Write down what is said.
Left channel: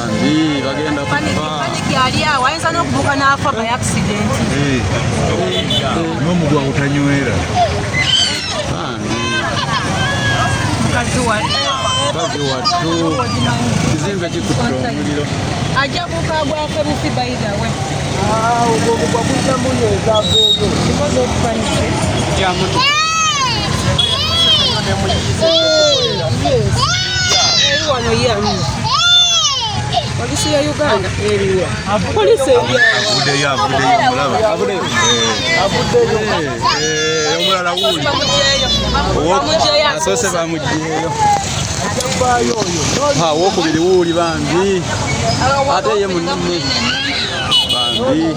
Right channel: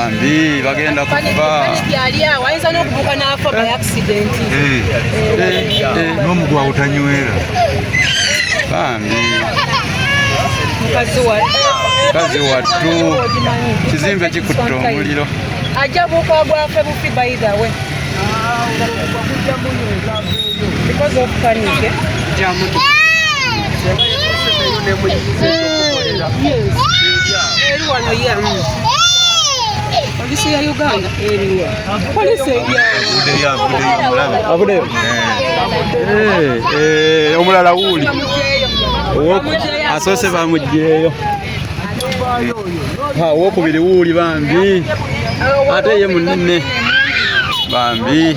bambi bagenda kufa yali awo ayinza n'okubuuka n'afa by accident n'omugwa utanywera bambi mukazi wattu kizimbe kikutte omuliro ajja bukagwafe bufi by the way because of panic eri wano yamu polisi ya Uganda eriwa polisi omulala wuuli asoose bamugyeyo owokubiri wuuli bambi ate ye munne bambi